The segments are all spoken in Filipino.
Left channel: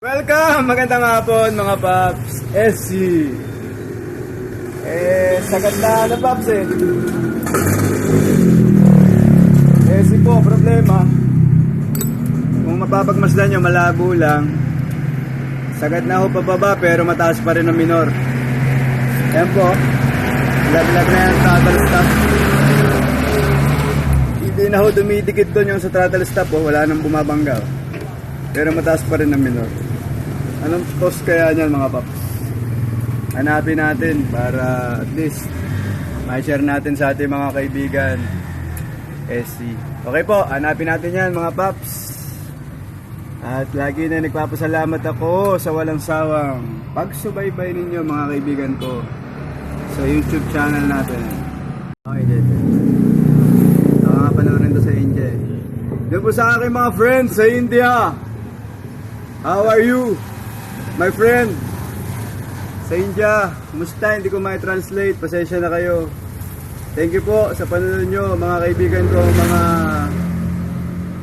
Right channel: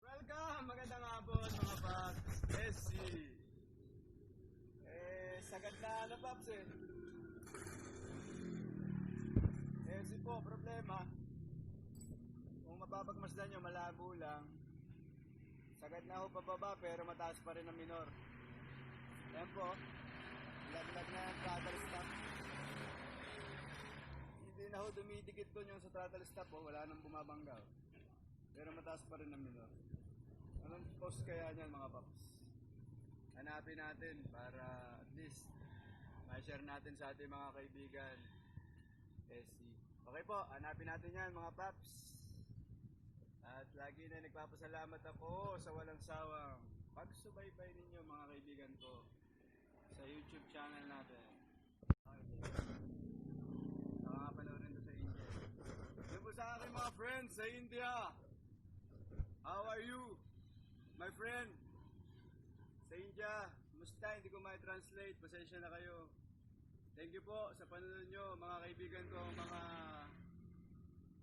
Welcome! Magandang hapon mga Paps. SC. Sagad na Paps SC po, problema. Kung mapapagmasdan nyo, malabo lang. Sagad na ho pababa pero mataas pa rin ang minor. Yan po. Laglag na yung throttle stop. Hindi na ho dumidikit doon yung sa throttle stop. Wala nang bumabangga. Pero mataas pa rin ang minor. Anong cost kaya niyan mga paps? Hanapin natin para at least ma-share natin sa ating mga kaibigan SC. Okay po, hanapin natin yan mga paps. At lagi na nagpapasalamat ako sa walang sawang pagsubaybay ninyo mga kaibigan ko sa YouTube channel natin. Okay, dito. Nakapanoorin to sa India. Doon po sa aking mga friends sa India. How are you? My friend? Sa India, kumusta? Hindi ko ma-translate. Pasensya na kayo. Thank you po sa panonood nyo, mga kaibigan ko,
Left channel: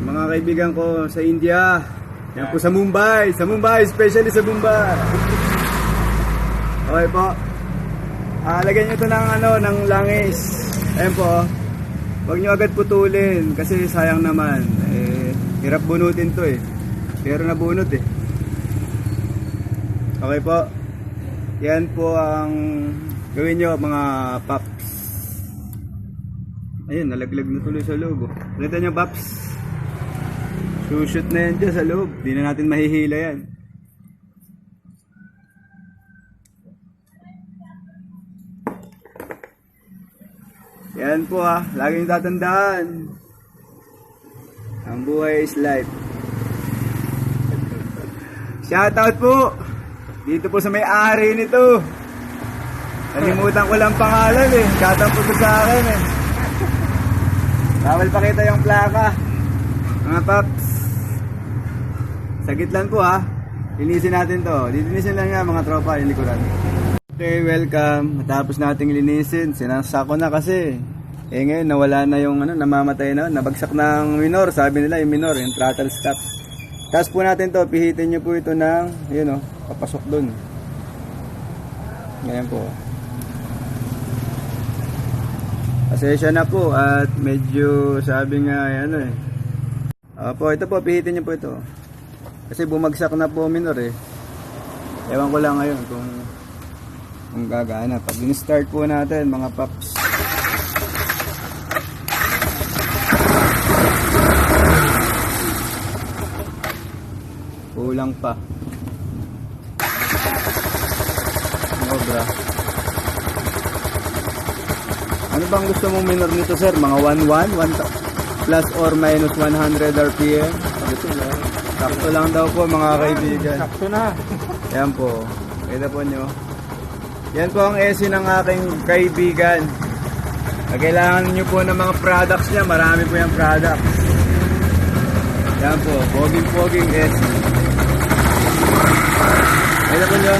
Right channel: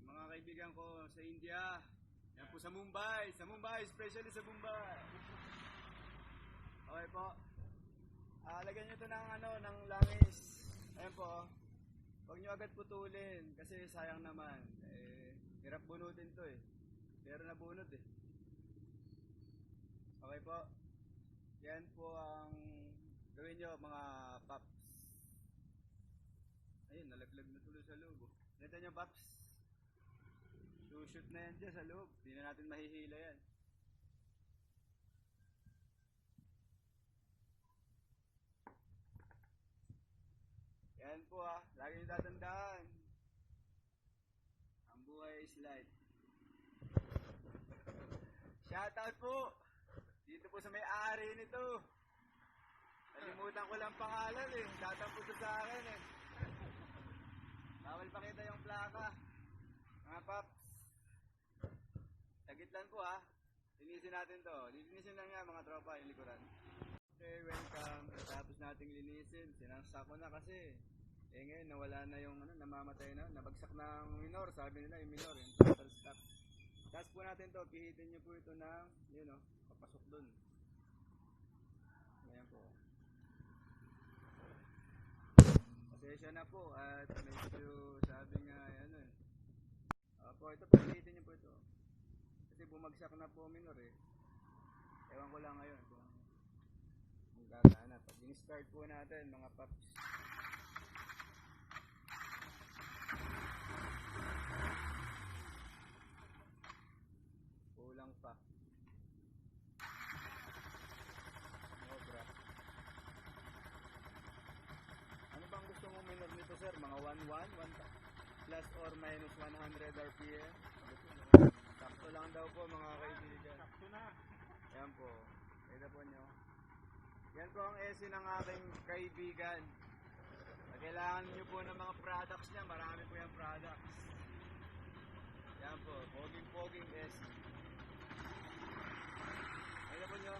mga kaibigan ko sa India. Yan po sa Mumbai, especially sa Mumbai. Okay po. Lagyan nyo ito ng langis. Ayan po. Huwag nyo agad putulin kasi sayang naman. Hirap bunutin to pero nabunot Okay po. Yan po ang gawin nyo mga paps. Ayun, nalaglag na tuloy sa loob. Nakita nyo paps? Shoot na yan dyan sa loob. Di na natin mahihila yan. Yan po laging tatandaan. Ang buhay is life. Shoutout po dito po sa may-ari nito. Nalimutan ko lang pangalan Shoutout po sa akin Bawal pakita yung plaka. Mga paps, sagit lang po linisin natin to. Linisin lang nga mga tropa yung likuran. Okay, welcome. Matapos nating linisin, sinasako na kasi ngayon nawala na yung namamatay na, nabagsak ng minor. Sabi nila yung minor, yung throttle stop. Tapos po natin to, pihitin nyo po ito ng, papasok dun. Ganyan po. Pasensya na po at medyo sabi nga, Opo, ito po, pihitin nyo po ito. Kasi bumagsak na po minor Ewan ko lang ngayon kung gagana. Pag in-start po natin mga paps. Kulang pa. Sobra. Ano bang gusto mong minor nito sir? Mga 1 plus or minus 100 RPM? Sakto lang daw po mga kaibigan. Sakto na. Yan po. Kita po nyo. Yan po ang SC ng aking kaibigan. Kailangan nyo po ng mga products niya. Marami po yung products. Yan po. Poging SC. Ayun po nyo.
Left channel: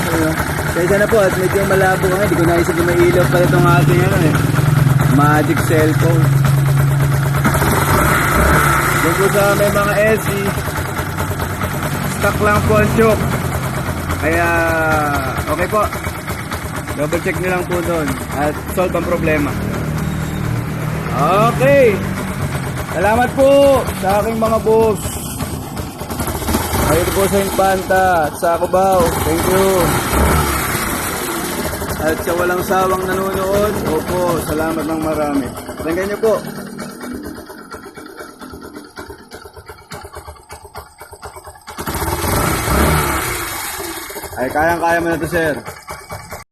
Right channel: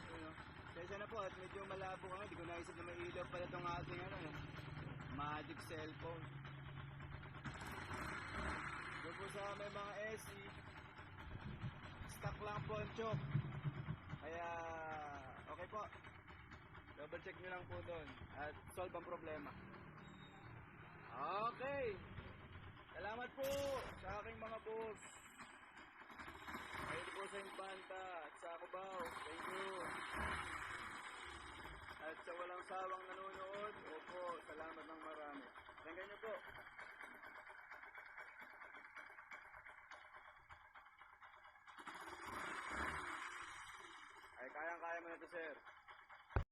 Kaya na po at medyo malabo nga. Hindi ko naisip yung may ilaw pala itong ating magic cellphone. Doon po sa may mga SC. Stock lang po ang choke. Kaya okay po. Double check nyo lang po doon at solve ang problema. Okay. Salamat po sa aking mga boss. Ayun po sa Infanta at sa Cubao. Thank you. At sa walang sawang nanonood, opo, salamat ng marami. Tingnan nyo po. Ay, kayang-kaya mo na to, sir.